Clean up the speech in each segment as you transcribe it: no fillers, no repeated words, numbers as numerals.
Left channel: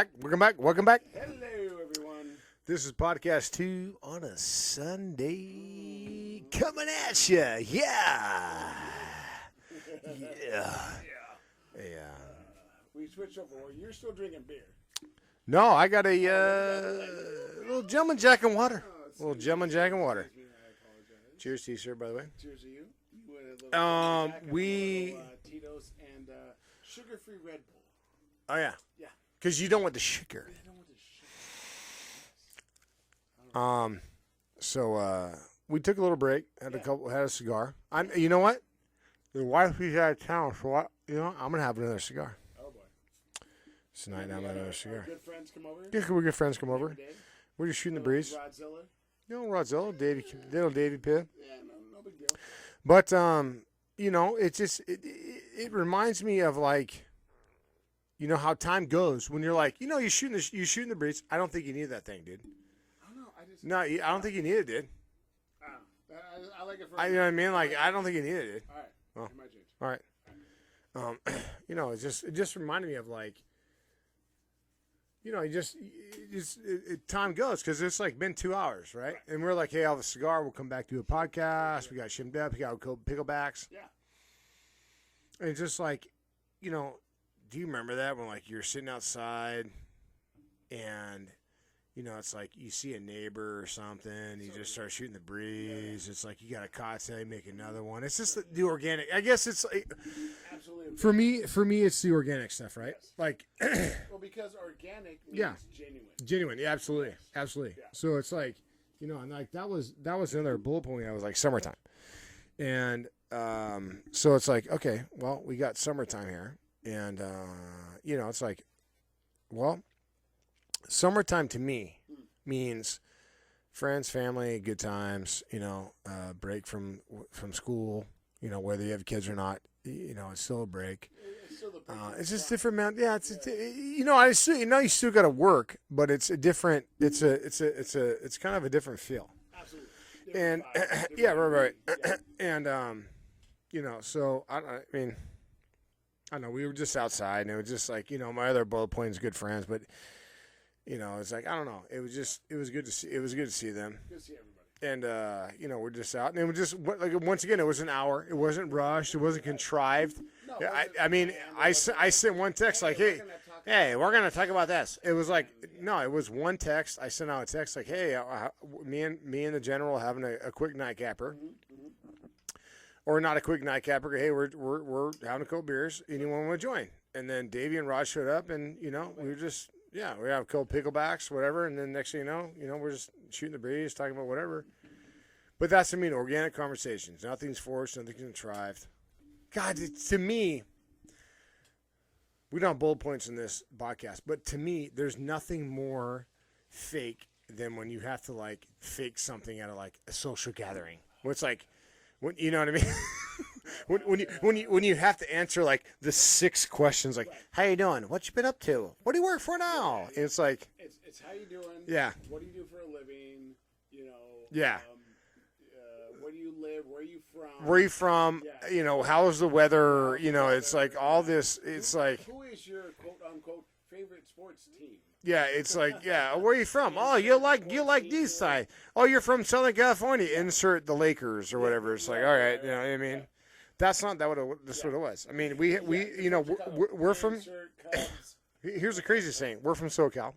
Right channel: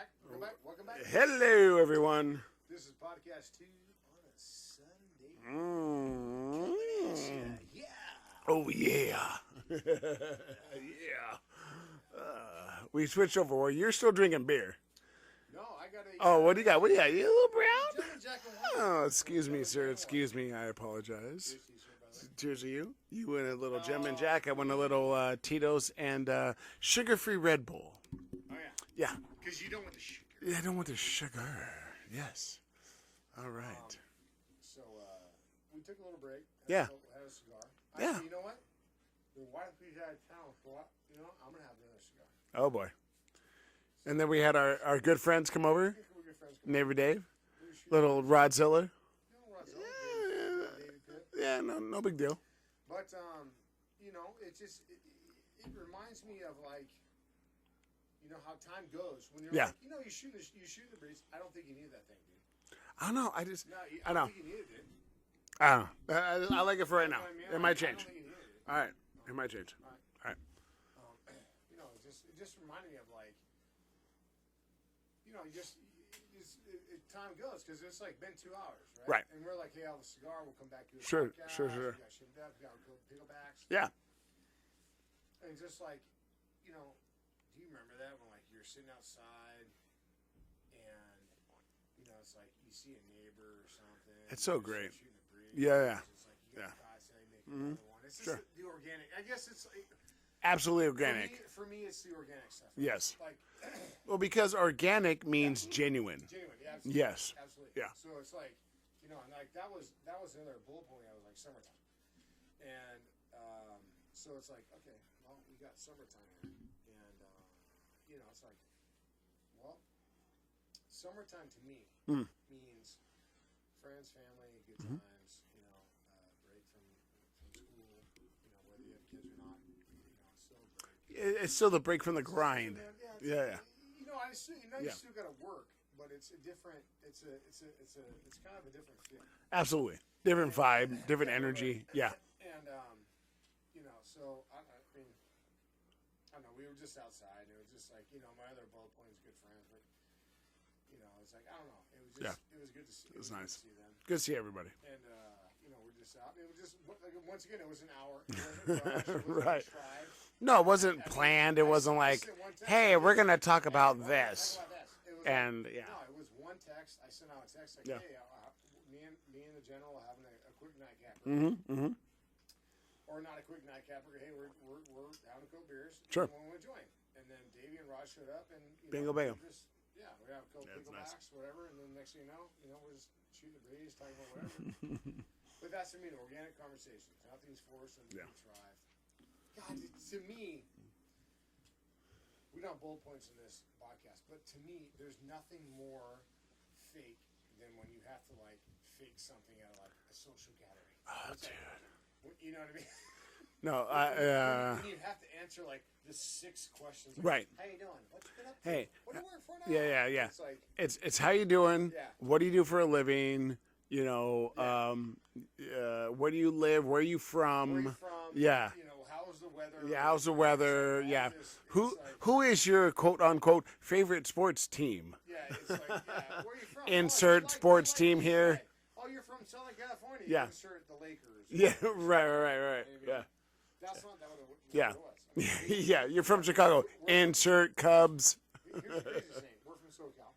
back. Welcome back. Hello, everyone. This is podcast 2 on a Sunday. Coming at you. Yeah. Oh, yeah. Yeah. We switched over. Well, you're still drinking beer. No, I got a. What do you got? What do you got? You a little brown? Gentleman Jack and water. Oh, Little excuse me. Gentleman Sir. Jack and water. Excuse me. I apologize. Cheers to you, sir, by the way. Cheers to you. You win a little Gentleman Jack. I won a little Tito's and sugar-free Red Bull. Oh, yeah. Yeah. Because you don't want the sugar. Yeah, I don't want the sugar. Yes. All right. So we took a little break. Had Yeah. had a cigar. Yeah. You know what? The wife is out of town, so I'm gonna have another cigar. Oh, boy. So And then we had our good friends come over. Yeah, we're good friends come over. Every day. We're just shooting Little the breeze. Rodzilla. Rodzilla, little Davy Pitt. Yeah, no big deal. But it just it reminds me of like, how time goes when you're Yeah. like, you're shooting the breeze. I don't think you need that thing, dude. I don't know. I don't think you need it, dude. I don't know. I like it for right You know now. what I mean? It Like, might I don't change. think you need it, dude. All right. Well. It might change. All right. All right. It just reminded me of like, time goes because it's like been 2 hours, right? Right. And we're like, hey, I'll have a cigar. We'll come back to a Sure, podcast. sure. We got shimmed up. We got picklebacks. Yeah. And it's just like, do you remember that when like you're sitting outside and, it's like you see a neighbor or something. It's you so just start great. shooting the breeze. Yeah. It's like you got a cot say, make another one. It's just Sure. the organic. I guess it's like, Absolutely organic. for me, it's the organic stuff, right? Yes. Like Well, because organic means genuine. genuine. Yeah, absolutely. Yes. Absolutely. Yeah. So it's like, and like that was another bullet point. I was like summertime. And so it's like, okay, well, we got summertime here. And, it's like, well, summertime to me means friends, family, good times, break from school, whether you have kids or not, it's still a break. It's still the break from the It's grind. just different, man. Yeah, it's Yeah. I still, you still got to work, but it's a different. It's kind of a different feel. Absolutely. Different And- vibe, different yeah, energy. right. Yeah. And so I mean, I don't know. We were just outside, and it was just like my other bullet point is good friends, but it's like I don't know. It was just it was good to see. It was good to see them. Good to see everybody. And we're just out, and it was just like once again, it was an hour. It wasn't rushed. It wasn't Right. contrived. No, it wasn't planned. It wasn't I like, sent one text. hey, like, we're going to talk about Hey, we're gonna this. talk about this. It was like And, yeah. no, it was one text. I sent out a text like, hey, me and the general having a quick nightcapper, Mm-hmm. or not a quick nightcapper. Hey, we're having a couple beers. Sure. Anyone want to join? And then Davey and Rod showed up, and we Bingo, bingo. were just. Yeah, we have cold picklebacks, whatever, and then next thing you know, we're just shooting the breeze, talking about whatever. But that's, organic conversations. Nothing's forced, nothing's contrived. God, to me, we don't have bullet points in this podcast, but to me, there's nothing more fake than when you have to, like, fake something at, a social gathering. Where it's like, you know what I mean? No, when you have to answer like the 6 questions, like, Right. how you doing? What you been up to? Hey. What do you work for now? Yeah. And it's like, It's how you doing? Yeah. What do you do for a living? Yeah. Where do you live? Where are you from? where are you from? Yeah. How's the weather? Yeah, how's the It's like weather? all Yeah. this. It's like, who is your quote unquote favorite sports team? yeah, it's like, yeah. Where are you from? Oh, you Insert like sports team these here. side. Oh, you're from Southern California. Yeah. Insert the Lakers or Yeah, whatever. It's right, like, all right, right, you know what I mean? yeah. That's not what it was. I mean, we You're from Chicago. We're from. Insert Cubs. Here's the craziest thing. We're from SoCal.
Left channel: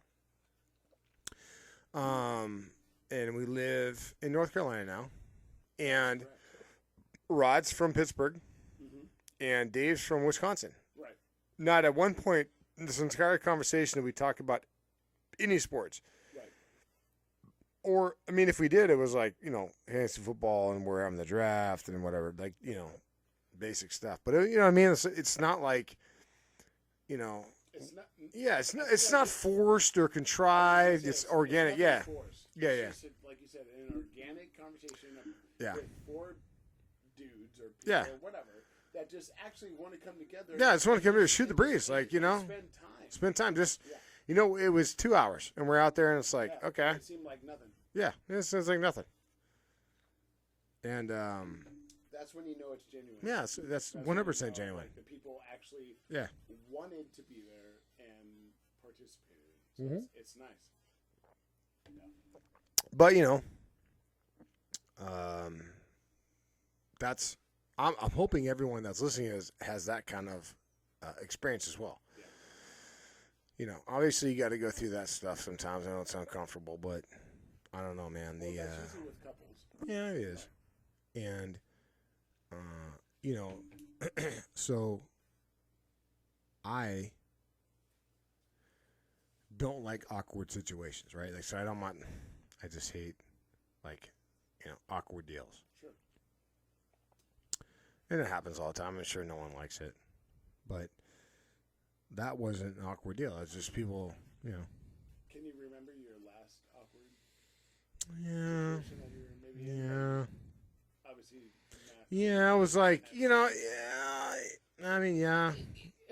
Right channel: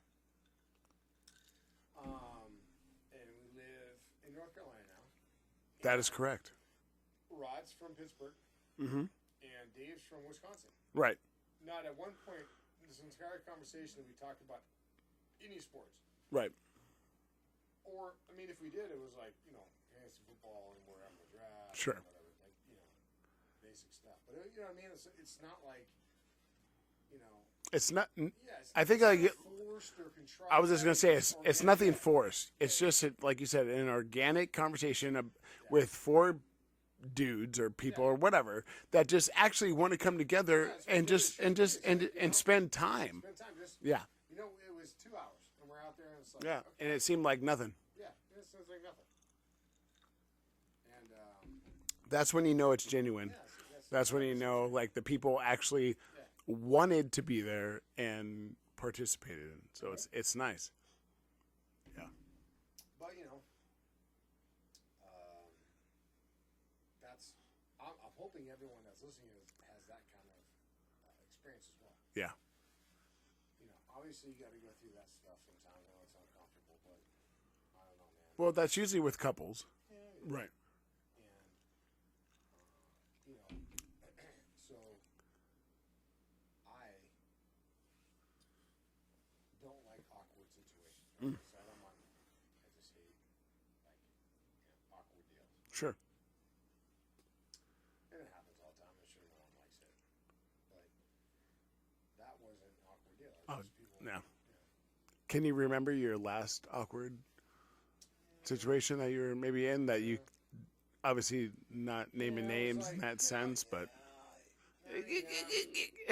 And we live in North Carolina now. That is And correct. Rod's from Pittsburgh, Mm-hmm. and Dave's from Wisconsin. Right. Not at one point in this entire conversation did we talk about any sports. Right. Or, I mean, if we did, it was like, fantasy football and we're having the draft Sure. and whatever, like, basic stuff. But, you know what I mean? It's not like, It's not. yeah, it's I not, think it's like not it- forced or I contrived. was just gonna say it's organic. it's nothing yeah. forced. Yeah, It's yeah. just like you said, an organic conversation Yeah. with 4 dudes or people Yeah. or whatever that just actually want to come together. Yeah, just wanna and come together, just- shoot and the just- breeze, like, and spend time. Spend time. Just, Yeah. it was 2 hours, and we're out there, and it's like, Yeah. okay. And it seemed like nothing. Yeah, it sounds like nothing. And, That's when you know it's genuine. yeah, that's That's when you 100% know, genuine. like the people actually Yeah. wanted to be there and participated in. So it's nice. Yeah. But that's I'm hoping everyone that's listening has that kind of experience as well. Yeah. Obviously you got to go through that stuff sometimes. I know it's uncomfortable, but I don't know, man. Well, that's usually with couples. Yeah, it is. Right. And so I don't like awkward situations, right? Like, so I just hate awkward deals. Sure. And it happens all the time. I'm sure no one likes it. But that wasn't an awkward deal. It's just people, Can you remember your last awkward Yeah. situation that you were maybe in that you obviously not naming Yeah, it was names like, in that sense, I mean, yeah.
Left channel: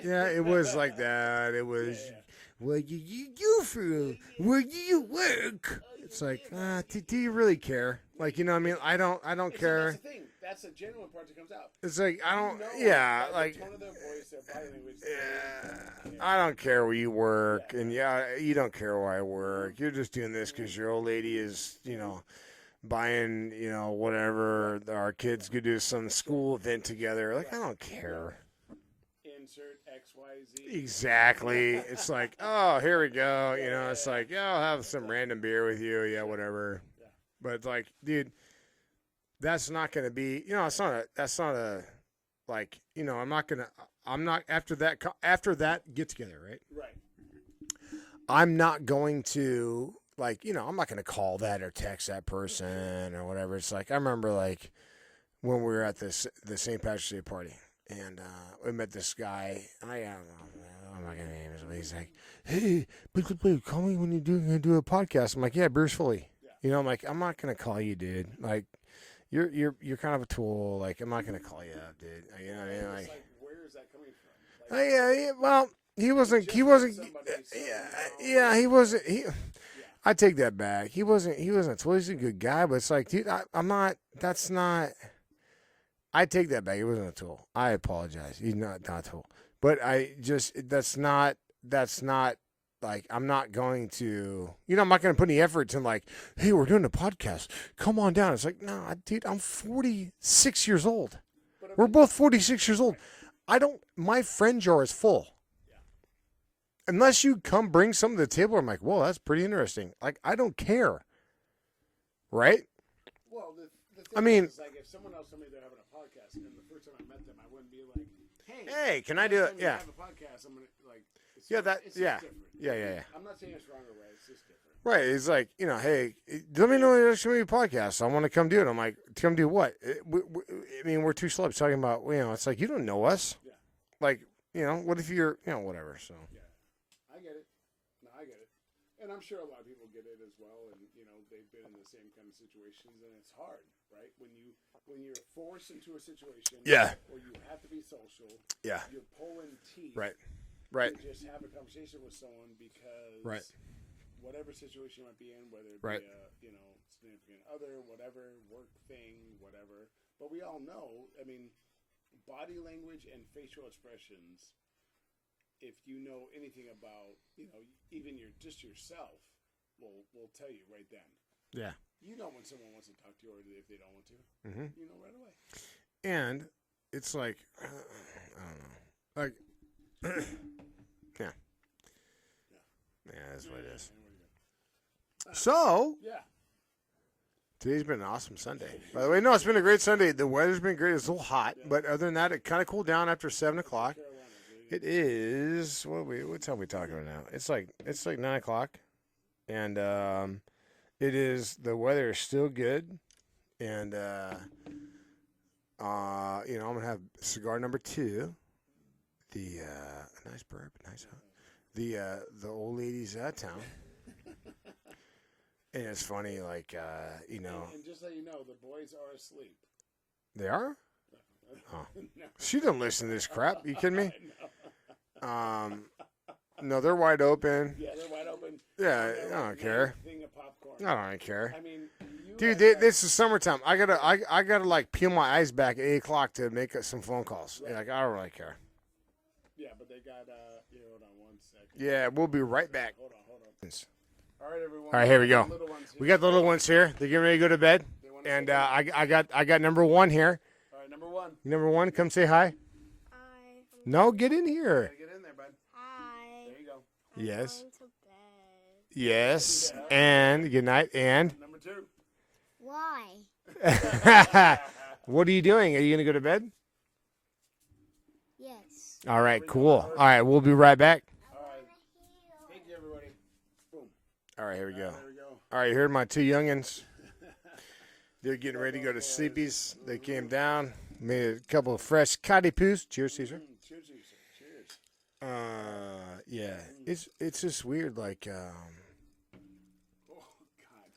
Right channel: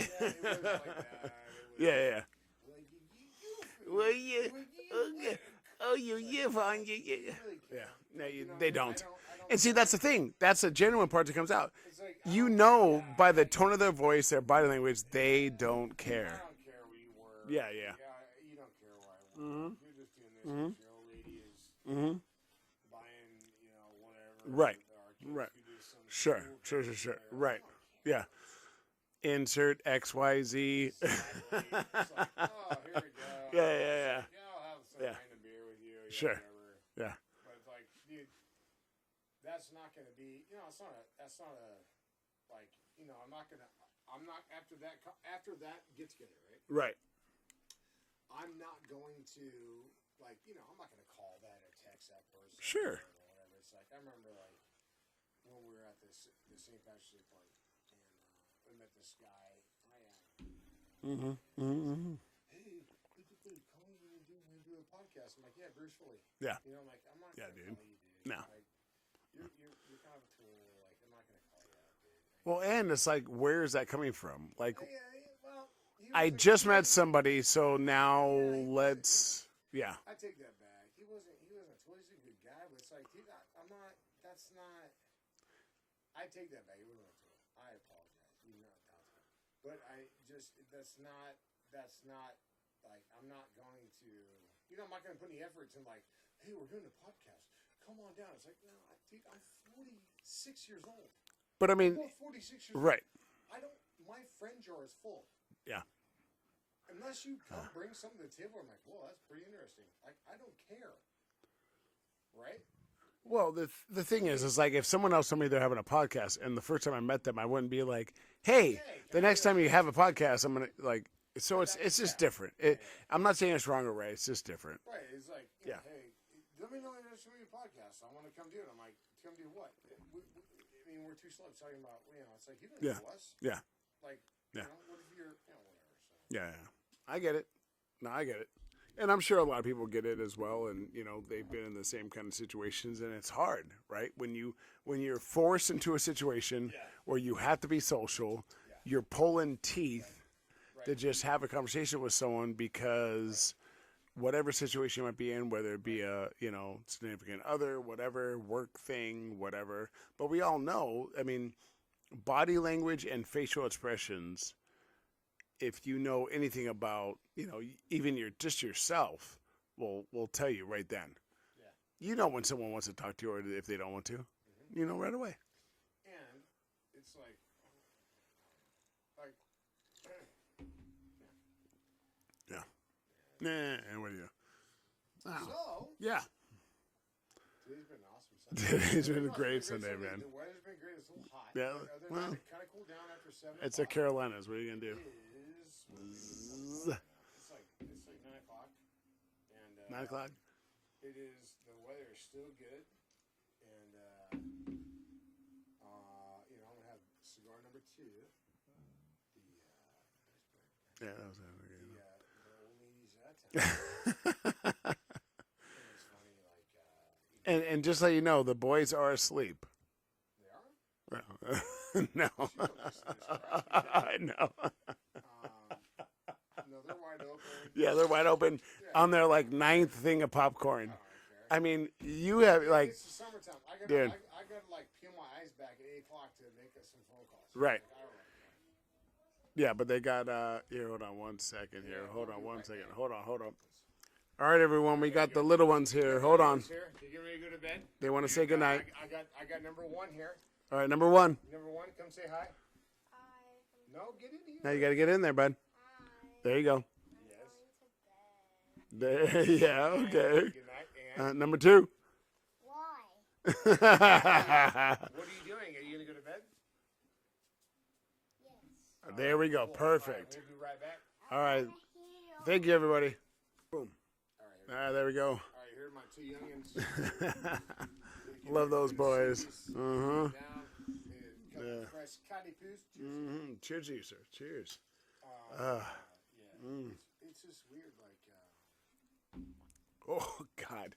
Yeah, it was like that. It was, yeah. where you from? Where you- Where do you work? Oh, you It's like, live nah, on- do you really care? Like, you know what I They mean? I don't And care. see, that's the thing. That's the genuine part that comes out. It's like, I You don't- know yeah, by the like, tone of their voice, their body language, they don't care. I don't care where you work, Yeah, and you don't care where I work. You're just doing this because your old lady is, buying, whatever. Right. Our kids Right. could do some school event sure. together. Like, Right. I don't care. Yeah. Insert XYZ. Exactly. It's like, oh, here we go. Yeah, It's yeah. like, yeah, I'll have some random beer with you. Yeah, Sure. whatever. Yeah. But it's like, dude, that's not going to be, that's not a, like, I'm not, after that get together, right? Right. I'm not going to, like, I'm not going to call that or text that person or whatever. It's like, I remember, like, when we were at the St. Patrick's Day party, and we met this guy. I'm not going to name his name. He's like, hey, please call me when you're going to do a podcast. I'm like, yeah, beer's fully. Yeah. I'm like, I'm not going to call you, dude. No. Like, you're kind of a tool. Like, I'm not going to call you up, dude. Well, it's like, where is that coming from? Like, yeah, well, he wasn't. I just he met wasn't, somebody, so now. Yeah, he wasn't. Yeah. I take that back. He wasn't a tool. He's a good guy, but it's like, dude, I'm not. That's not. I take that back. He wasn't a tool. I apologize. He's not a tool. But that's not like, I'm not going to, I'm not going to put any effort in, like, hey, we're doing a podcast. Come on down. It's like, no, dude, I'm 46 years old. But I mean, We're both 46 years old. Right. My friend jar is full. Yeah. Unless you come bring something to the table, I'm like, well, that's pretty interesting. Like, I don't care. Right? Well, the thing is like, if someone else told me they're having a podcast, and the first time I met them, I wouldn't be like, hey, can the I next do- time you yeah. have a podcast, I'm going to, like, so Yeah, it's just yeah. different. Yeah. I'm not saying it's wrong or right. It's just different. Right. It's like, hey, let me know there's going to be a podcast. I want to come do it. I'm like, come do what? I mean, we're two celebs talking about, it's like, you don't know us. Yeah. Like, what if you're, whatever. So. Yeah. I get it. No, I get it. And I'm sure a lot of people get it as well. And, they've been in the same kind of situations, and it's hard, right? When you're forced into a situation where you have to be social, you're pulling teeth. Right. To just have a conversation with someone because whatever situation you might be in, whether it be a significant other, whatever, work thing, whatever. But we all know, I mean, body language and facial expressions, if you know anything about, even yourself, will tell you right then. Yeah. You know when someone wants to talk to you or if they don't want to. Mm-hmm. You know right away. And it's like, I don't know. Like, yeah. That's what it is. And what do you? So, Yeah. today's been an awesome Sunday. Today's By the way, been no, a it's been a great great Sunday, Sunday. man. The weather's been great. It's a little hot, Yeah. but other than that, it kind of cooled down after 7 It's o'clock. like Carolinas. What are you gonna It do? is. What time are we talking about now? It's like 9 o'clock, and it is. The weather is still good, and I'm gonna have cigar number 2. The nice burp, nice. Yeah, Burp. that was really The old lady's out of town. And it's funny, like, And just so you know, the boys are asleep. they are. No. She don't listen to this crap. You kidding me? I know. No, they're wide open. Yeah, they're wide open Yeah, on their I like don't 9th care. thing of popcorn. I don't care. I mean, you Dude, have like, it's the summertime. I gotta, Yeah. I gotta like peel my eyes back at 8 o'clock to make some phone calls. Right. Like, I don't really care. Yeah, but they got here. Hold on one second. Yeah, Hold we'll on be one right second. back. Hold on. All right, everyone. All right, here we got go. The little ones here. We got the Hold little on. ones here. They're getting ready to go to bed. They want to say And goodnight. I got number 1 here. All right, number 1. Number 1, come say hi. Hi. No, get in You here. got to get in there, bud. Hi. There you go. I'm Yes. going to bed. Yes. Yeah, and okay. good night. And Number 2. Why? what are you doing? Are you going to go to bed? Yes. All There right, we go. cool. All Perfect. right, we'll be right back. All right. Thank you, everybody. Boom. All right, here we go. There we go. All right, you heard my 2 youngins. They're getting Love ready to go to those boys. sleepies. They Uh-huh. came down, made a couple of fresh cotty poos. Cheers, Caesar. Cheers, to you, sir. Cheers. Yeah, it's just weird. Like, Oh God.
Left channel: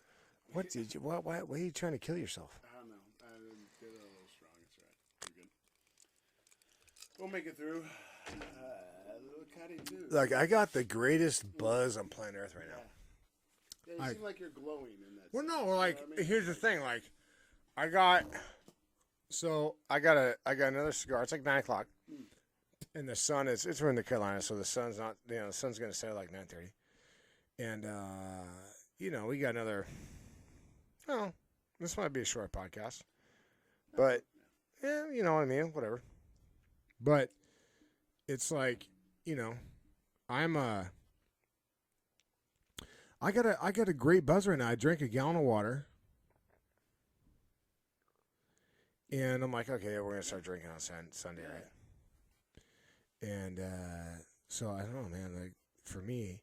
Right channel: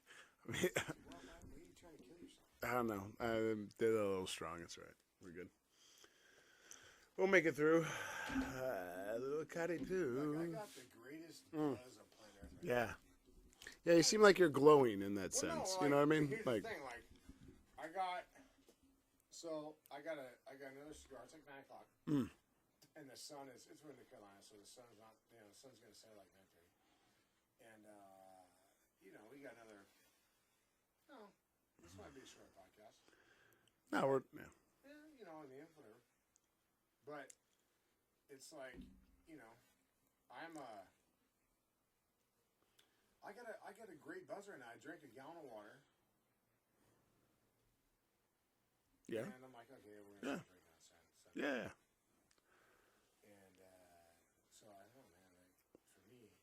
what did you? Why are you trying to kill yourself? I don't know. They're a little strong. It's right. We're good. We'll make it through. A little cutty too. Like, I got the greatest buzz on planet Earth right now. Yeah. Yeah, you seem like you're glowing in that Well, sense. no, like, you know what I mean? here's the Like, thing. Like, I got another cigar. It's like 9:00, and the sun is. It's we're in the Carolinas, so the sun's not. The sun's gonna set at like 9:30, and we got another. Oh, this might be a short podcast. no, but- yeah. Yeah, you know what I mean. Whatever. But it's like, I'm I got a great buzz right now. I drank a gallon of water. And I'm like, okay, we're gonna start drinking on Sunday. Yeah. And so I don't know, man. Like, for me,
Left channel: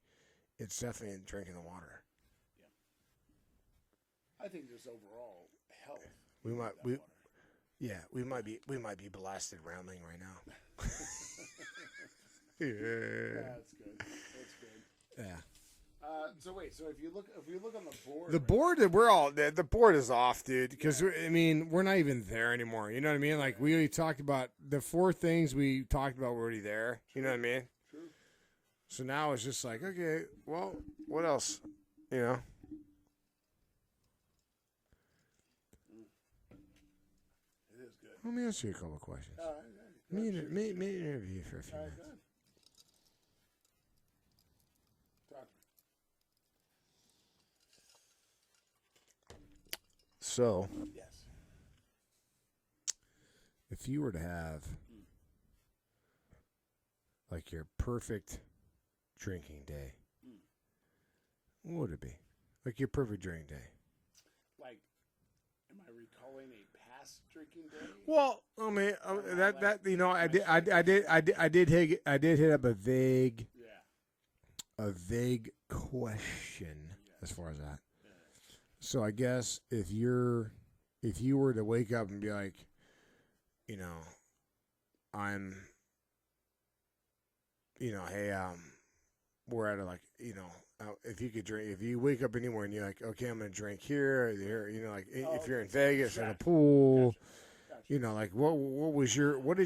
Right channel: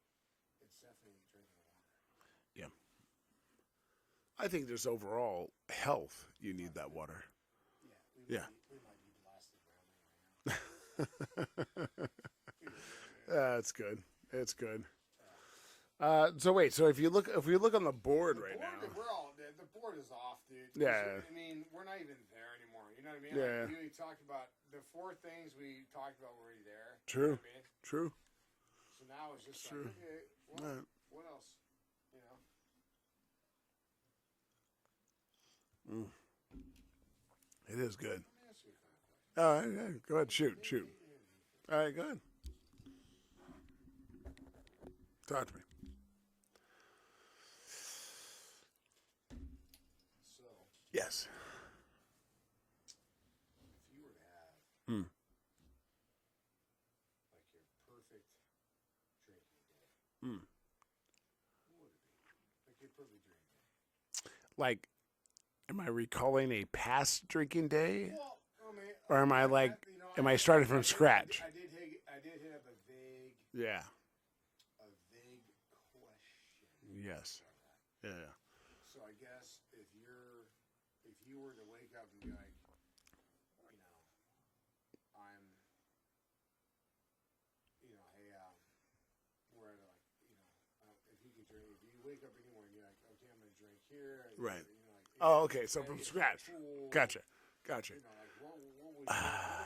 it's definitely drinking the water. I think there's overall health. You need that water. Yeah, we might be blasted rambling right now. Yeah, it's good. It's good. Yeah. So wait. So if we look on the board, The right board, the board is off, dude. Because Yeah. we're not even there anymore. You know what I mean? Like, Yeah. we already talked about the 4 things we talked about were already there. You know what I True. mean? True. So now it's just like, Sure. okay, well, Yeah. what else? You know? It is good. Let me ask you a couple of questions. All right. Yeah. Go ahead. Shoot. Maybe Shoot. interview you for a few All right. minutes. Go ahead. Talk to me. So, Yes. if you were to have like your perfect drinking day, what would it be? Like your perfect drinking day? Like, am I recalling a past drinking day? Well, I mean, Or am I like- am I starting from scratch? I did hit up a vague Yeah. question Yes. as far as that. Yeah. So I guess if you were to wake up and be like, hey, we're at if you could drink, if you wake up anywhere and you're like, okay, I'm gonna drink here, Right. there, like, Oh, if you're okay, in so from Vegas, in a scratch. pool, Gotcha. like what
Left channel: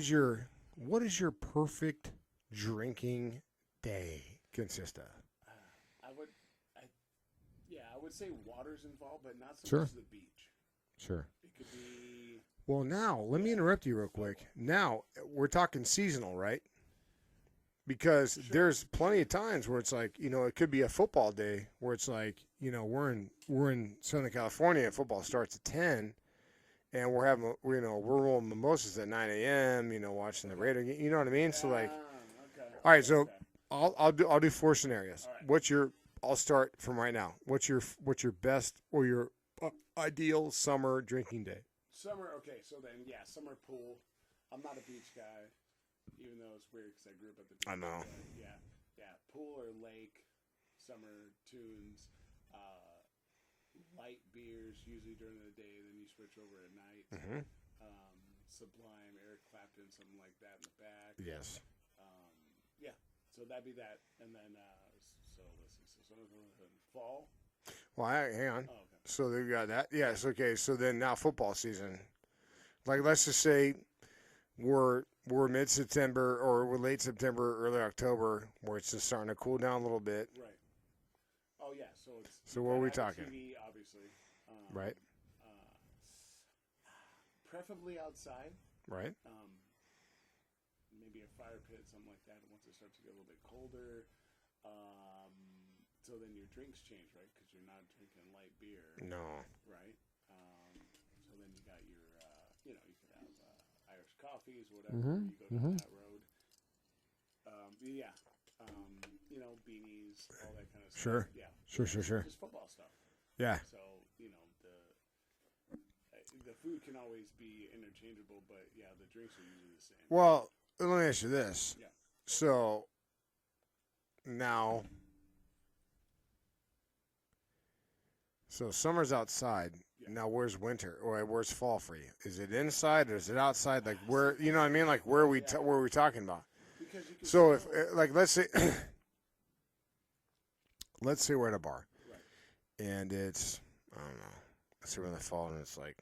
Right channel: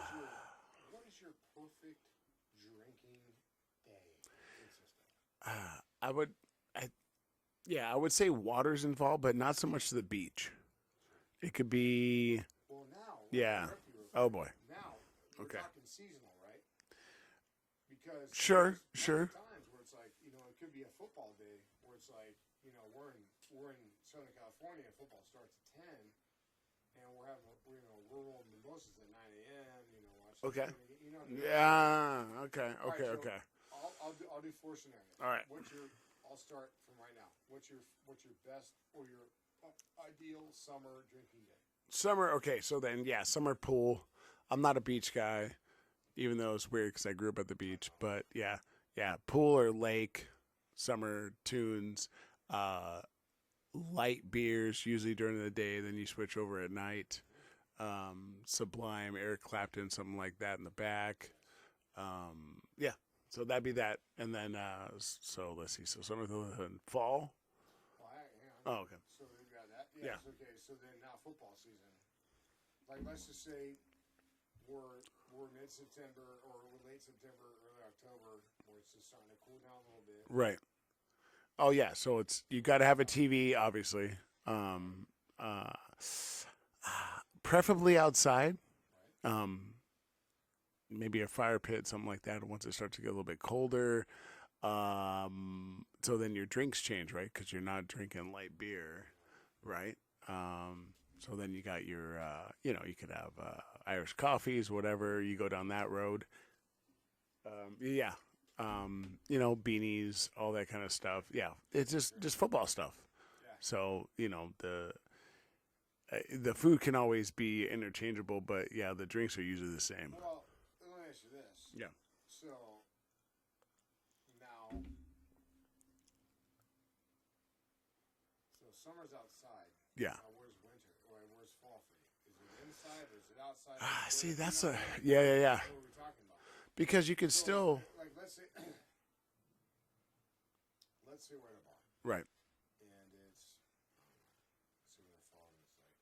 is your perfect drinking day consist of? I would say water's involved, but not so Sure. much the beach. Sure. It could be. Well, now let me Yeah. interrupt you real quick. Oh, boy. Now we're talking seasonal, right? Because Sure, there's plenty sure. of times where it's like, it could be a football day where it's like, we're in Southern California and football starts at 10, and we're rolling mimosas at 9 a.m. Watching Okay. the Raider game. You know what I mean? Okay. All right, so okay. I'll do 4 scenarios. All right. I'll start from right now. What's your best or your ideal summer drinking day? Summer. Okay, so then summer pool. I'm not a beach guy, even though it's weird because I grew up at the beach. know. But yeah, pool or lake, summer tunes, light beers usually during the day. Then you switch over at night. Sublime, Eric Clapton, something like that in the back. Yes. Yeah. So that'd be that, and then so let's see. So summer, fall. Well, hang on. Oh, okay. So they got that. Yes. Okay. So then now football season. Like, let's just say we're mid-September or we're late September, early October, where it's just starting to cool down a little bit. Right. Oh yeah. So it's So you what got are to we have talking? a TV, obviously. Right. Preferably outside. Right. maybe a fire pit, something like that. Once it starts to get a little bit colder, so then your drinks change, right? Because you're not drinking light beer, No. right? So then you got your, you could have Irish coffees, whatever. You go down that road. Beanies, all that kind of stuff. Sure. Yeah, Sure, it's sure. just football stuff. Yeah. So the food can always be interchangeable, but yeah, the drinks are usually the same. Well, let me ask you this. Yeah. So now, summer's outside. Yeah. Now where's winter or where's fall for you? Is it inside or is it outside? Like where See, you know what I mean? Like yeah, where yeah. where are we talking about? Because you can So still if, like let's say we're at a bar right. and it's I don't know. Let's say we're in the fall and it's like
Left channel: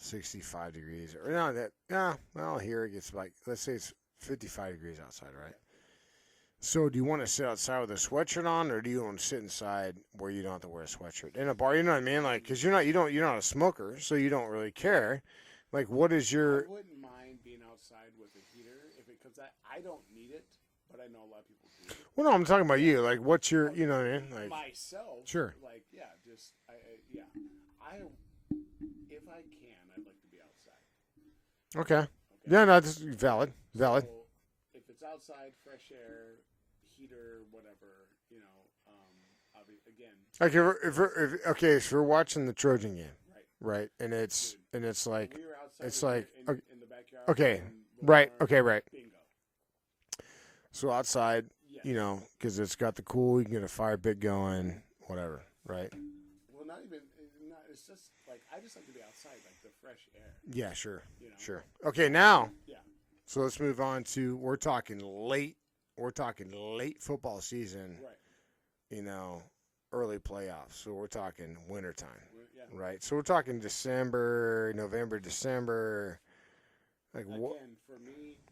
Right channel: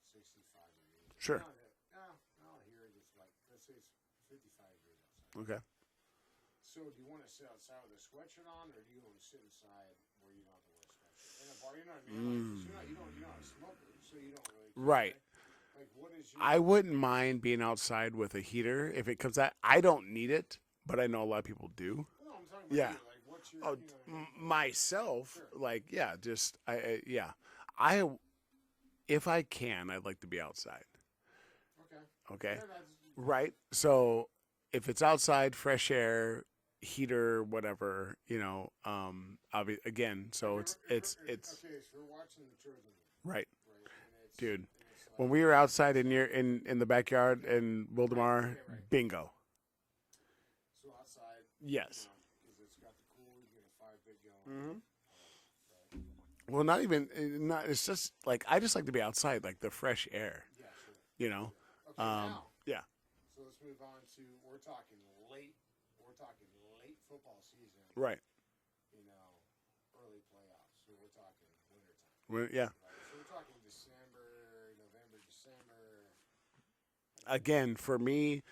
65 degrees. Sure. Or well here it gets like let's say it's 55 degrees outside, right? Okay. So do you want to sit outside with a sweatshirt on, or do you want to sit inside where you don't have to wear a sweatshirt in a bar? You know what I mean? Like, because you're not a smoker, so you don't really care. Right. Like, what is your? I wouldn't mind being outside with a heater if it comes out. I don't need it, but I know a lot of people do. Well, no, I'm talking about Yeah. you. Like, what's your? You know what I mean? Like, Myself, Sure. Like, yeah, just I if I can, I'd like to be outside. okay. Okay. Yeah, no, that's valid. Right. Valid. So if it's outside, fresh air, heater, whatever, again. So Like, if we're watching the Trojan game, right. right, and it's Dude. like When we were outside it's in like- your in the backyard, Okay. in right, Wilmar, okay, right. bingo. So outside, Yes. because it's got the cool, you can get a fire pit going, whatever, right? Well, not even. It's just like I just like to be outside, like the fresh air. Yeah, sure, Sure. Okay, now. Yeah. So let's move on to we're talking late football season, Right. Early playoffs. So we're talking wintertime, Yeah. right? So we're talking November, December. Like Again, for me,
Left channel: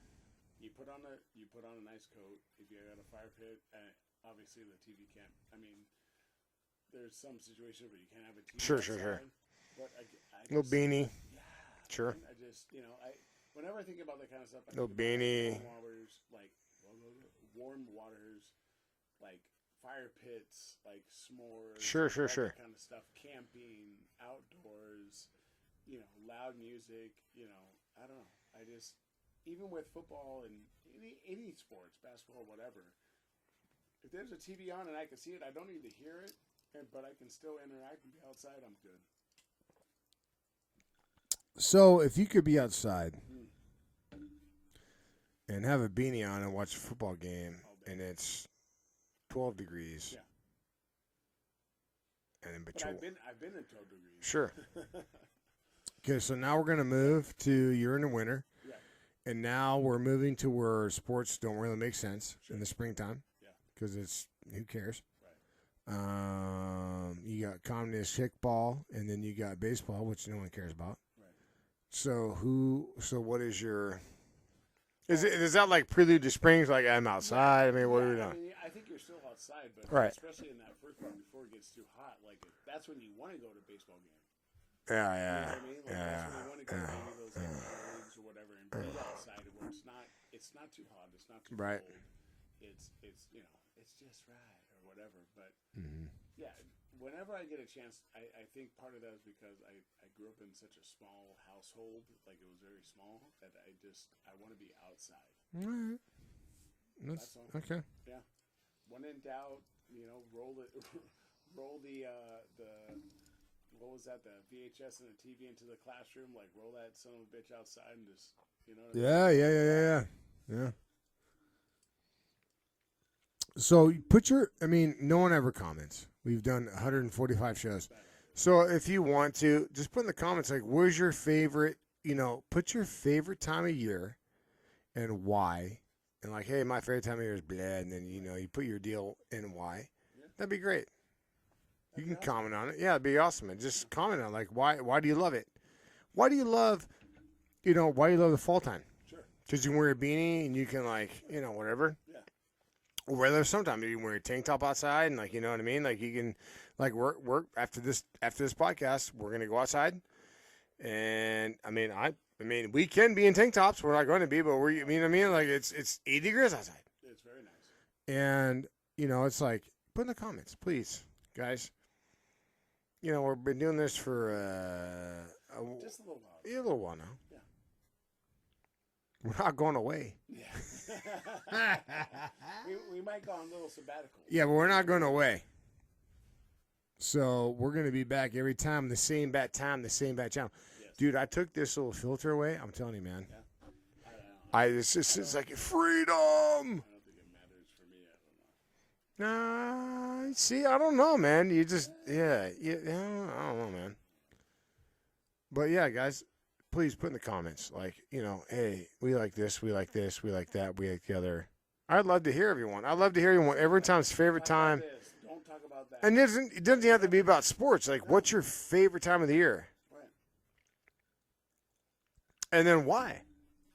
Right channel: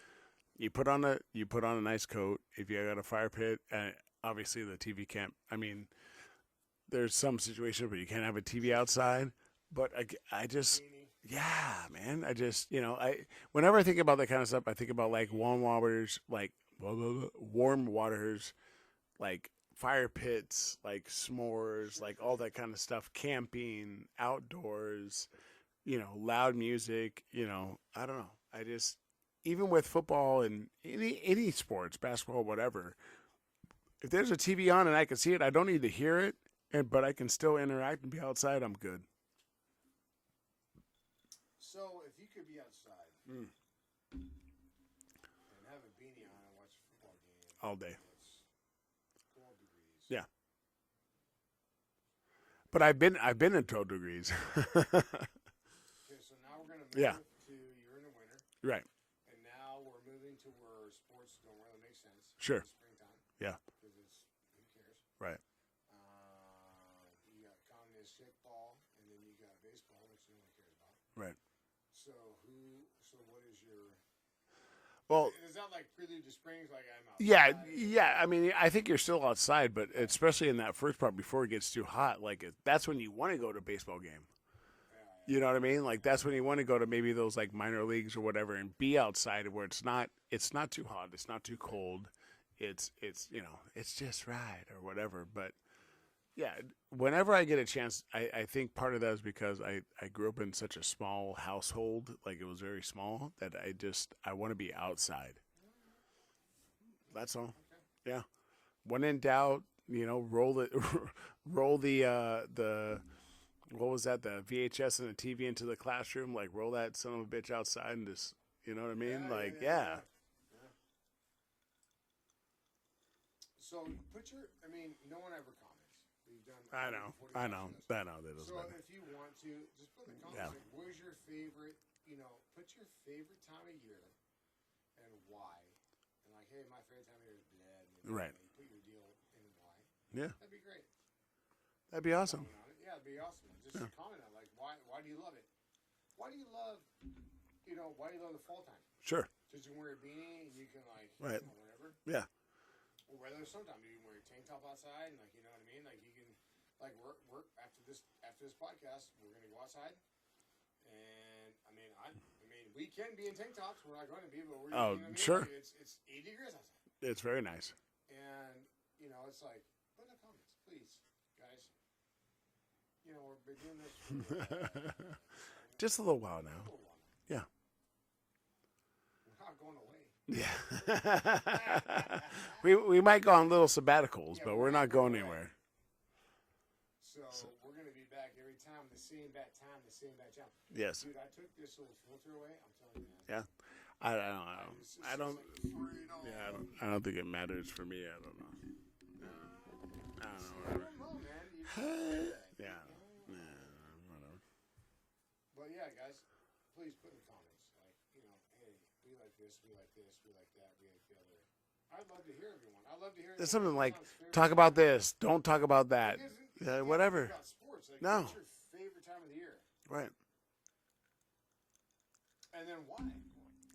you put on a nice coat. If you got a fire pit, obviously the TV can't. I mean, there's some situations where you can't have a TV Sure, outside. But I little just beanie. yeah, Sure. man. I just whenever I think about that kind of stuff, I think Little about beanie. like warm waters, like fire pits, like s'mores, Sure, like sure, all sure. that kind of stuff. Camping, outdoors, loud music. I don't know. I just even with football and any sports, basketball, whatever. If there's a TV on and I can see it, I don't need to hear it, but I can still interact and be outside. I'm good. So if you could be outside and have a beanie on and watch a football game All day. and it's 12 degrees, Yeah. And But I've been in 12 degrees. Sure. Okay, so now we're gonna move to you're in the winter. Right. And now we're moving to where sports don't really make sense Sure. in the springtime. Yeah. Because it's who cares? Right. You got communist kickball, and then you got baseball, which no one cares about. Right. So what is your? Well- Is that like prelude to springs? Like I'm outside. I mean, what are you doing? I think you're still outside, but Right. especially in that first part before it gets too hot, like that's when you want to go to a baseball game. yeah. You know what I mean? Like that's when you want to go to yeah. maybe those like minor leagues or whatever and be outside where it's not too hot, it's not too Right. cold. It's it's just right or whatever. But Mm-hmm. yeah, whenever I get a chance, I think part of that is because I grew up in such a small household, like it was very small, that I want to be outside. All right. That's all. Okay. Yeah. When in doubt, roll the what was that? The VHS and the TV into the classroom. Like roll that son of a bitch outside and just what I mean? Yeah, Like, yeah. So no one ever comments. We've done I know, 145 shows. I know, they don't. So if you want to, just put in the comments, like, where's your favorite, put your favorite time of year and why. And like, hey, my favorite time of year is blah. And then, Right. you put your deal in why. Yeah. That'd be great. That'd You be can awesome. comment on it. Yeah, it'd be awesome. And just comment on, like, why do you love it? Why do you love, why do you love the fall time? Sure. Because you can wear a beanie and you can, like, Right. whatever. Yeah. Or whether sometimes you can wear a tank top outside and, like, you know what I mean? Like, you can, like, work after this podcast, we're going to go outside And I mean, we can be in tank tops. We're not going to be, but we're. Oh, I mean, sure. like it's 80 degrees outside, It's very nice. and it's like put in the comments, please, guys. We've been doing this for Just a little while a now. little while now. Yeah. We're not going away. Yeah. we might go on little sabbaticals. Yeah, but we're not going away. anywhere. So we're going to be back every time, the same bat time, the same bat channel. Yes. Dude, I took this little filter away. I'm telling you, man. Yeah. I don't know. It's like freedom. I don't think it matters for me. I don't know. Nah, see, I don't know, man. You just, I don't know, man. But yeah, guys, please put in the comments, like, hey, we like this, we like this, we like that, we like the other. I'd love to hear everyone. I'd love to hear everyone. Something Every like, time's favorite Talk time. about this. Don't talk about that. And it doesn't have to be whatever. about sports. Like, No. what's your favorite time of the year? Right. And then why?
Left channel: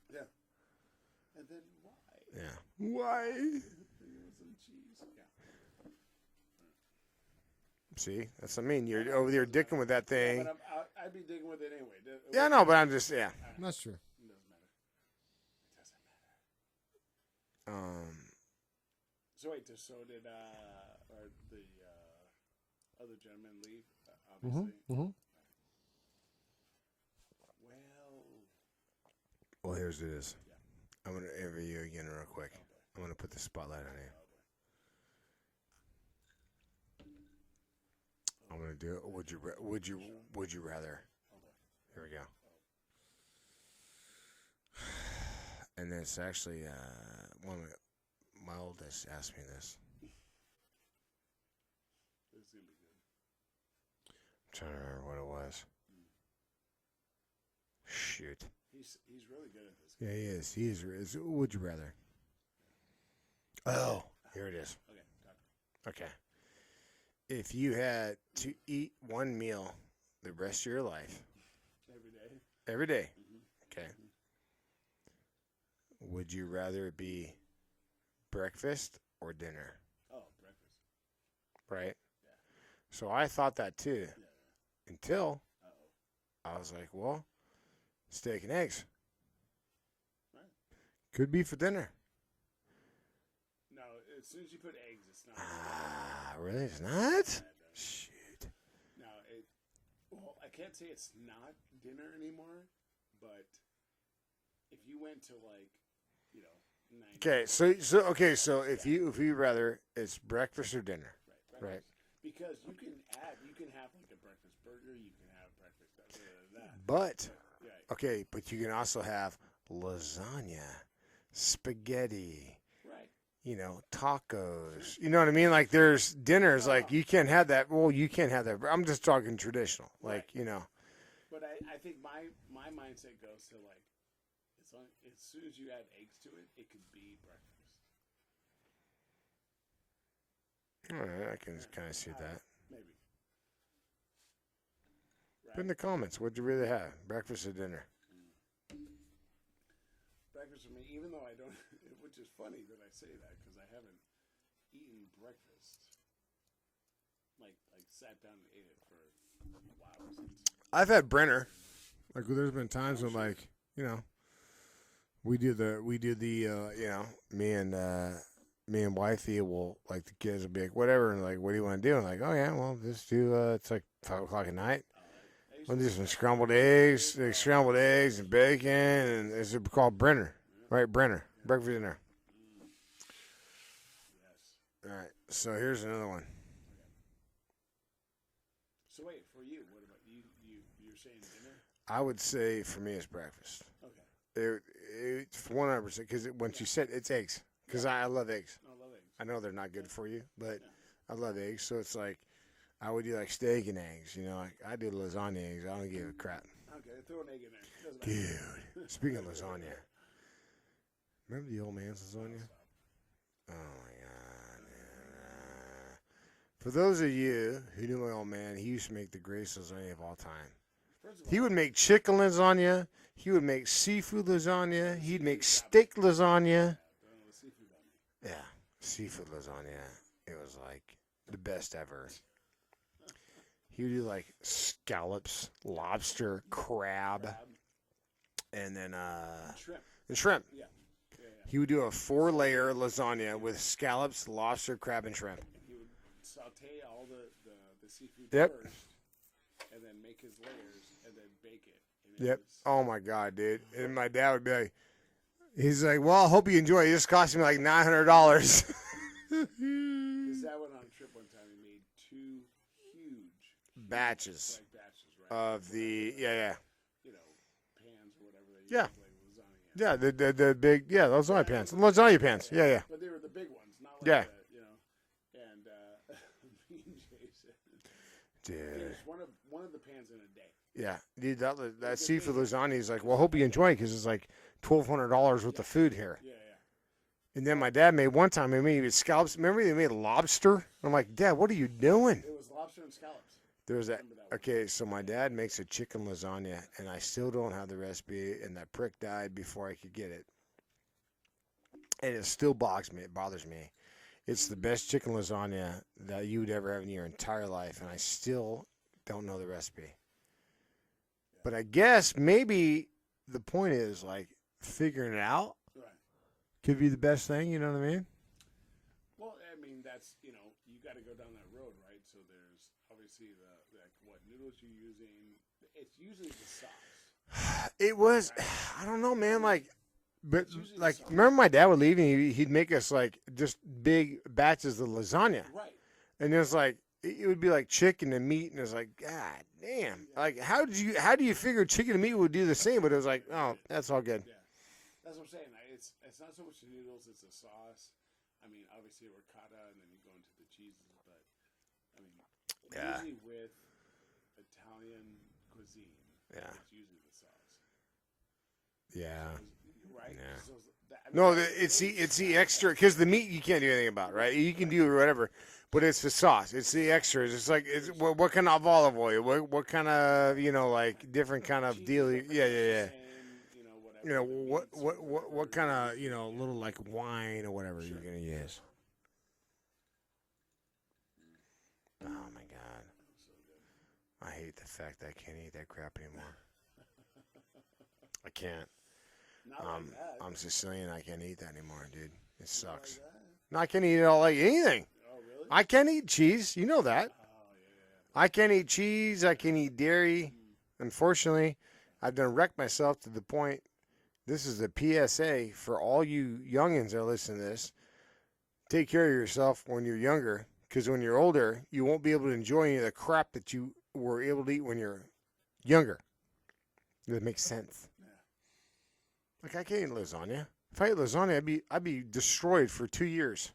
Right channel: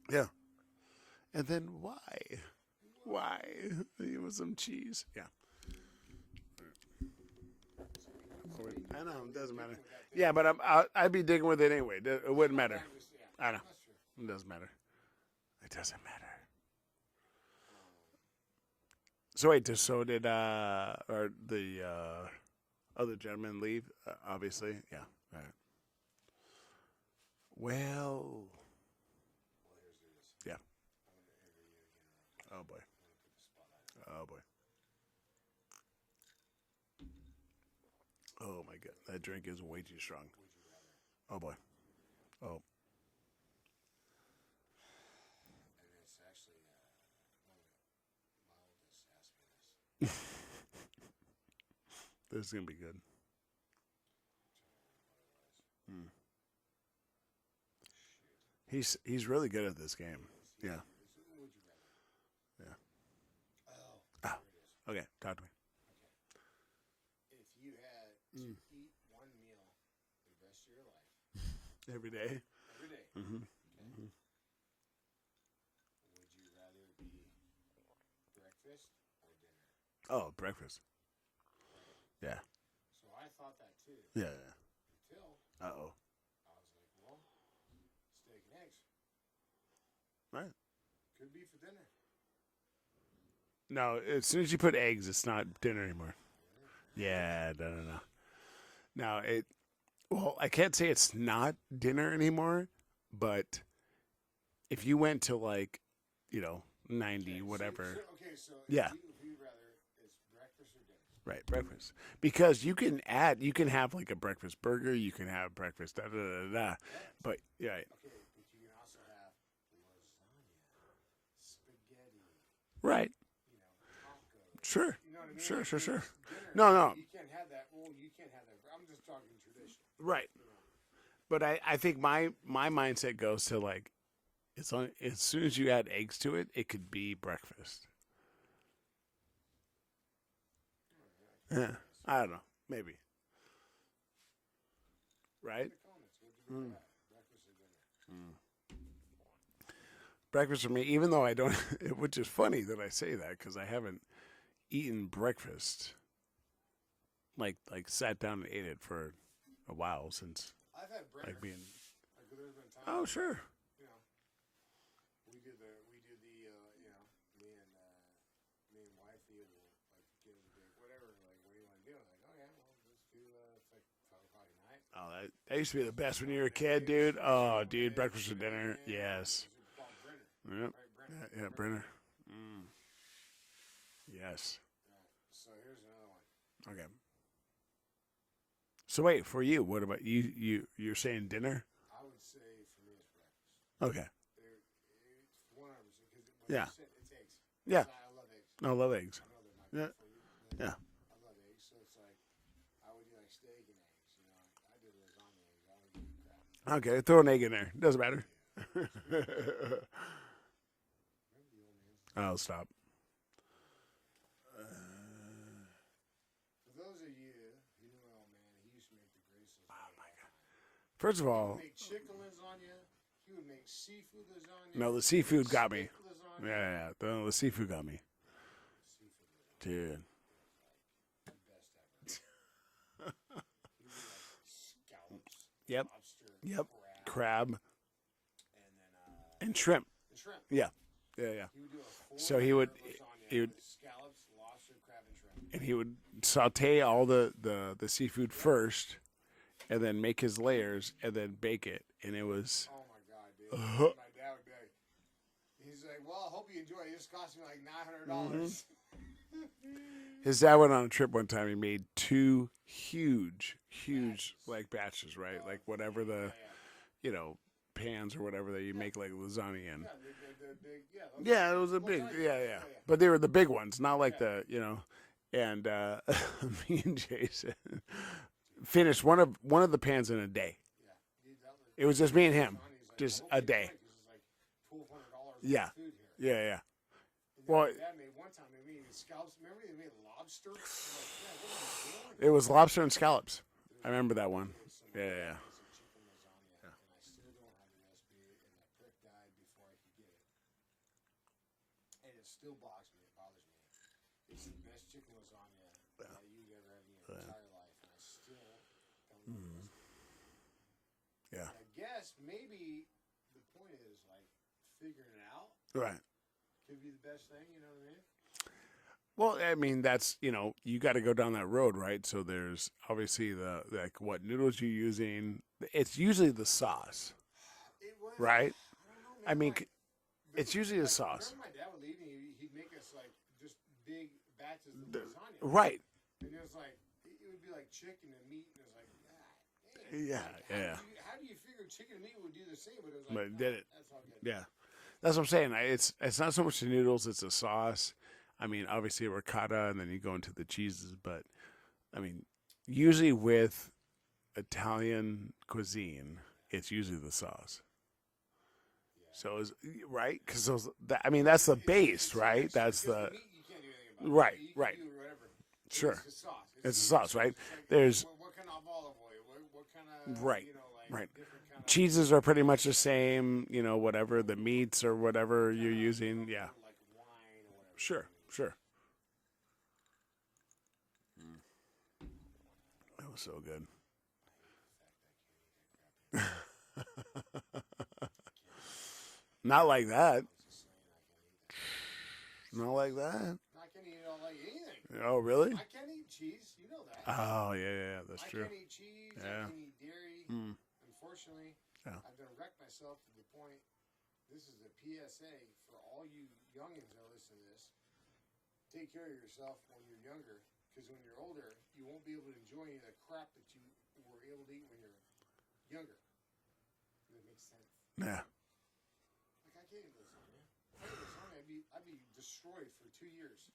Yeah. And then why? Yeah. Why? Give us some cheese. Yeah. See, that's what I mean. You're over there dicking with that thing. Yeah, but I'd be digging with it anyway. It yeah, wouldn't no, but matter. I'm just, yeah. I know. That's true. It doesn't matter. It doesn't matter. So wait, so did or the other gentleman leave? Obviously, yeah. mhm. All right. Well, Here's this. Yeah. I'm going to interview you again real quick. oh boy, I'm going to put the spotlight on you. oh boy. I'm Oh gonna my do God, it. that drink is way too strong. Would you rather? Oh boy. Here we go. Oh. And then it's actually one of my oldest asked me this. This is gonna be good. I'm trying to remember what it was. Hmm. Shoot. He's really good at this game. Yeah, he is. He is. Would you rather? Yeah. Oh, here it is. Okay, talk to me. Okay. If you had to eat one meal the rest of your life, Every day. every day, Mm-hmm. okay, would you rather it be breakfast or dinner? Oh, breakfast. Right? Yeah. So I thought that too Yeah. until Uh oh. I was like, well, steak and eggs. Right. Could be for dinner. No, as soon as you put eggs, it's not dinner anymore. Ah, really? It's not? Yeah, no. Shoot. Now well, I can't say it's not dinner anymore, but if you went to 90, Okay, whatever, so if Yeah. you rather it's breakfast or dinner. right, breakfast, because you can have like a breakfast burger, you can have breakfast But but yeah, okay, but you can also have lasagna, spaghetti, right, tacos. Sure. You know what I mean? Sure, like sure, there's dinners No. you can't have that. Well, you can't have that. I'm just talking traditional. Right. Like, But I think my mindset goes to as soon as you add eggs to it, it could be breakfast. all right, I can Yeah, kind of see I that. don't know, maybe. Put in Right. the comments, what'd you really have? Breakfast or dinner? Breakfast for me, even though I don't, which is funny that I say that because I haven't eaten breakfast, like sat down and ate it for a while since. I've had Brenner. being- Like there's been times Oh, when sure. we do the me and wifey will, like, the kids will be like, whatever, and like, what do you want to do? And like, oh yeah, well, just do it's like 5:00 at night. Oh, that used to We'll be do the some best when you were scrambled a kid, eggs, dude. Oh, scrambled dude, eggs and breakfast bacon, dinner, and yes. it's called Brenner, Yep. right? Brenner, Yeah, breakfast Brenner. dinner. Yes. All right, so here's another one. Okay. So wait, for you, what about you? You're saying dinner? I would say for me it's breakfast. Okay. It's 100% because once Yeah. you said it's eggs, because I love eggs. I love eggs. I know they're not good Yeah. for you, but Yeah. I love eggs. So it's like I would do like steak and eggs. Like I do lasagna eggs. I don't give a crap. Okay, throw an egg in there. Doesn't matter. Dude, speaking of lasagna, remember the old man's lasagna? Oh, stop. Oh my god! For those of you who knew my old man, he used to make the greatest lasagna of all time. First of all, He would make chicken lasagna. He would make seafood lasagna. No, the He'd seafood make got me. steak lasagna. Yeah, the seafood got me. Yeah, seafood lasagna. Dude. It was like the best ever. He would do like scallops, Yep. lobster, Yep. crab, and then and shrimp. shrimp. Yeah. He would do a So 4-layer he lasagna would- with scallops, lobster, crab, and shrimp. And he would saute all the seafood Yep. first, and then make his layers, and then bake it. And it was Oh my god, dude! And my dad would be like, he's like, "Well, I hope you enjoy it. It just cost me like $900." his dad went on a trip one time. He made 2 huge Batches. like batches, right? Of Like whatever the yeah. pans or whatever that you Yeah. make like lasagna in. Yeah, the big those Yeah, lasagna pans. those are Lasagna big, pans. Yeah. But they were the big ones, not like Yeah. and me and Jason Dude. finished one of the pans in a day. Yeah, dude, that It was just me and him. lasagna. He's like, Just "Well, I hope you a enjoy day. it because it's like $1,200 worth Yeah. of food here." Yeah. And then Well, my dad made one time. He made scallops. Remember they made lobster? I'm like, Dad, what are you doing? It was lobster and scallops. There's I remember that one. Okay, so my Yeah, dad yeah. makes a chicken lasagna, and I still don't have the recipe, and that prick died before I could get it. And it still bothers me. It's the best chicken lasagna that you would ever have in your entire life, and I still don't know the recipe. Yeah. But I guess maybe the point is, like, figuring it out Right. could be the best thing, you know what I mean? Well, I mean, that's, you got to go down that road, right? So there's obviously what noodles you're using. It's usually the sauce. It was, Right. I don't know, man, mean, like, but it's usually the like, sauce. remember my dad would leave and he'd make us like just big batches of lasagna. Right. And it was like, it would be like chicken and meat, and it's like, God damn! Yeah, Like, how yeah. how do you figure chicken and meat would do the same? But it was like, But oh, did it. that's all good. Yeah. That's what I'm saying. It's not so much the noodles, it's the sauce. I mean, obviously ricotta, and then you go into the cheeses. But, I mean, Yeah. usually with Italian cuisine, Yeah. it's usually the sauce. Yeah. So, right? Yeah. Because that's the it's base, it's right? the extra That's because the meat you can't do anything about. Right. Right, You can right. do whatever, but Sure. it's the sauce. It's It's the the sauce, extras. right? It's like There's- what kind of olive oil? What kind of Right. Right. different kind of cheeses deal- are pretty yeah, much yeah, the yeah. same, whatever, the meats or whatever what kind you're of using. yeah. little like wine or whatever Sure, you're gonna use. sure. Oh my god, That was so good. I hate the fact that I can't eat that crap anymore. I can't. Not like that. I'm Sicilian. I can't eat that anymore, dude. It Not like sucks. that. No, I can't eat it all like anything. Oh, really? I can't eat cheese. You know that. Oh, yeah. That's I true. can't eat cheese. I Yeah. can eat dairy. Mm. Unfortunately, Yeah. I've done wrecked myself to the point. This is a PSA for all you youngins that listen to this. Take care of yourself when you're younger, because when you're older, you won't be able to enjoy any of the crap that you were able to eat when you're younger. That makes sense. Yeah. Like I can't eat lasagna. If I ate lasagna, I'd be destroyed for 2 years.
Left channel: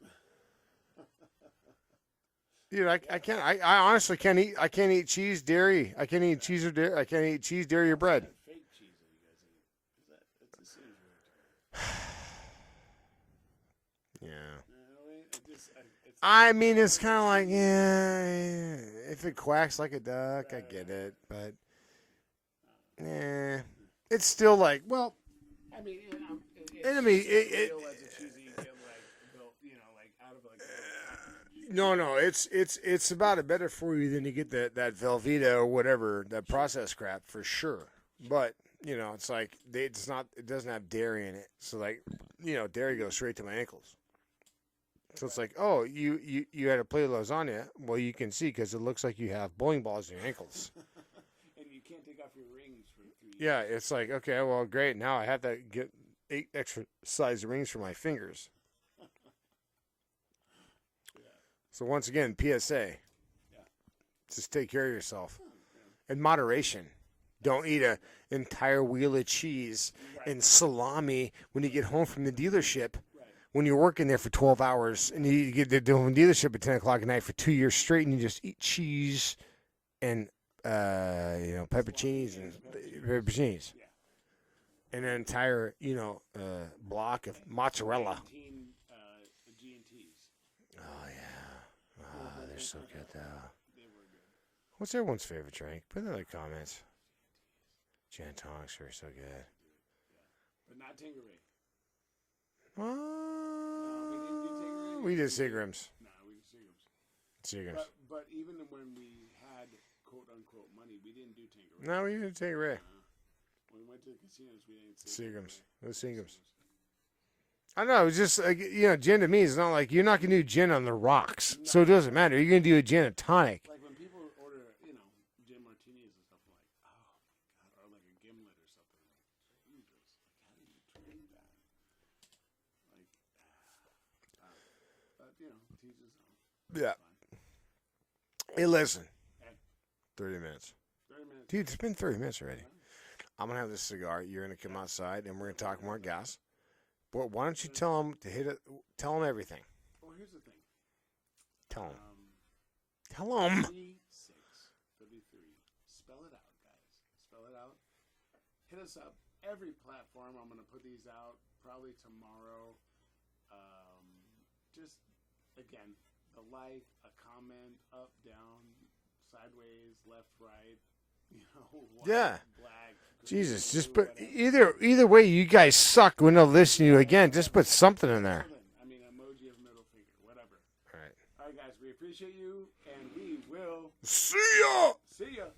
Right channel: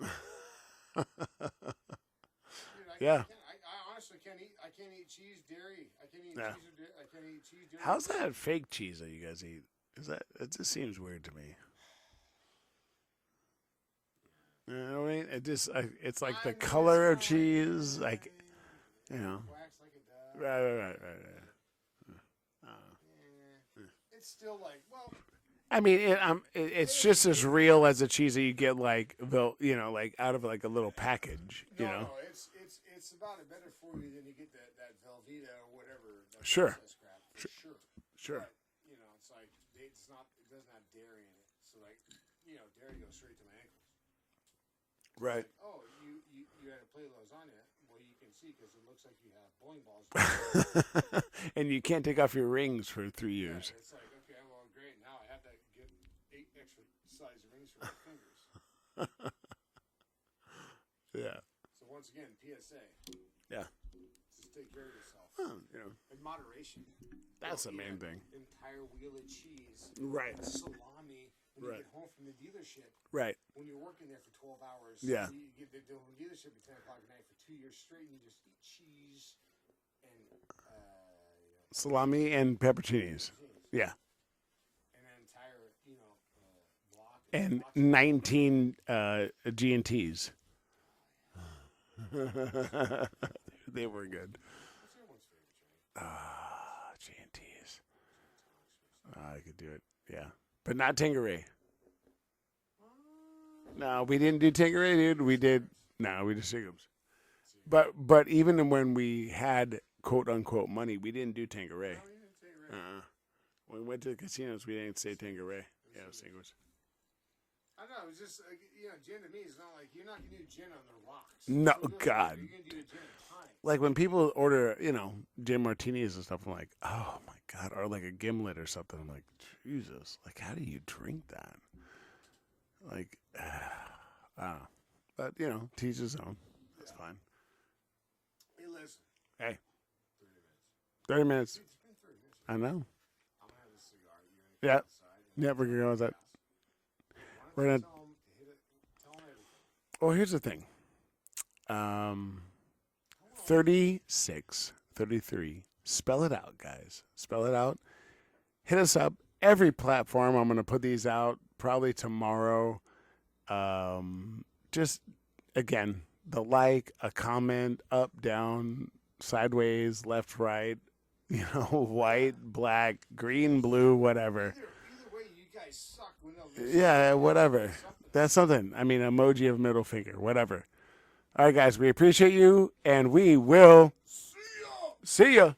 Dude, I Yeah. can't. I honestly can't eat. I can't eat cheese, dairy. I can't eat Yeah. cheese or dairy. I can't eat cheese, dairy, or How's bread. that fake cheese that you guys eat? It just seems weird to me. Yeah. You know what I mean? It's like I the mean, it's color kind of like, cheese, yeah. If you it know. quacks like a duck, I Right, get right, it. right. But it's still like, well, I mean, it's I just mean, as it- real as a cheese that you get like like out of like a little package. no, you know? no, it's about it better for you than you get that Velveeta or whatever that Sure. processed crap for sure. Sure. But it's like it doesn't have dairy in it, so like dairy goes straight to my ankles. So it's Right. like, oh, you had a plate of lasagna. Well, you can see because it looks like you have bowling balls in your ankles. And you can't take off your rings for 3 Yeah, years. it's like, okay, well, great. Now I have to get 8 extra size rings for my fingers. Yeah. So once again, PSA. Yeah. Just take care of yourself. Yeah. In moderation. That's Don't eat a an good thing. entire wheel of cheese Right. and salami when you get home from the dealership. Right. When you're working there for 12 hours. Yeah. And you get to the dealership at 10 o'clock at night for 2 years straight and you just eat cheese and, pepperoncinis. Salami and pepperoncinis. Pepperoncinis. Yeah. And an entire, block of And mozzarella. 19 G&Ts. Oh, yeah. Oh, they're so good. They were good. What's everyone's favorite drink? Put it in the comments. G&Ts. Gin and tonics are so I good. could do it. Yeah. But not Tanqueray. No, No, we didn't do Tanqueray, dude. We did. Seagram's. No, we did Seagram's. Seagram's. But even when we had quote unquote money, we didn't do Tanqueray. No, we didn't take it right. When we went to the casinos, we didn't say Singers. Tanqueray. It was Yeah, singers. I know. It's just like, gin to me is not like you're not gonna do gin on the rocks, No, so it doesn't God. matter. You're gonna do a gin and tonic. Like when people order, gin martinis and stuff, I'm like, oh my God, or like a gimlet or something. I'm like, Jesus, like how do you drink that? Like, I don't know. But to each his own. Yeah. It's fine. Hey, listen. Hey. 30 minutes. 30 minutes. Dude, it's been 30 minutes I already. know. I'm gonna have this cigar. You're gonna come Yeah. outside and we're Yeah, gonna talk we're gonna about go gas. Well, why don't We're you gonna- tell them to hit it? Tell them everything. Well, here's the thing. Tell them. 36, 33. Spell it out, guys. Spell it out. Hit us up. Every platform. I'm going to put these out probably tomorrow. Just, again, the like, a comment, up, down, sideways, left, right, white, Yeah. black, green, Jesus, blue, just put- whatever. Either way, you guys suck when they'll listen to you Yeah, again. Just whatever. put something in That's there. something. I mean, emoji of middle finger, whatever. Right. All right, guys, we appreciate you, and we will See ya. see ya.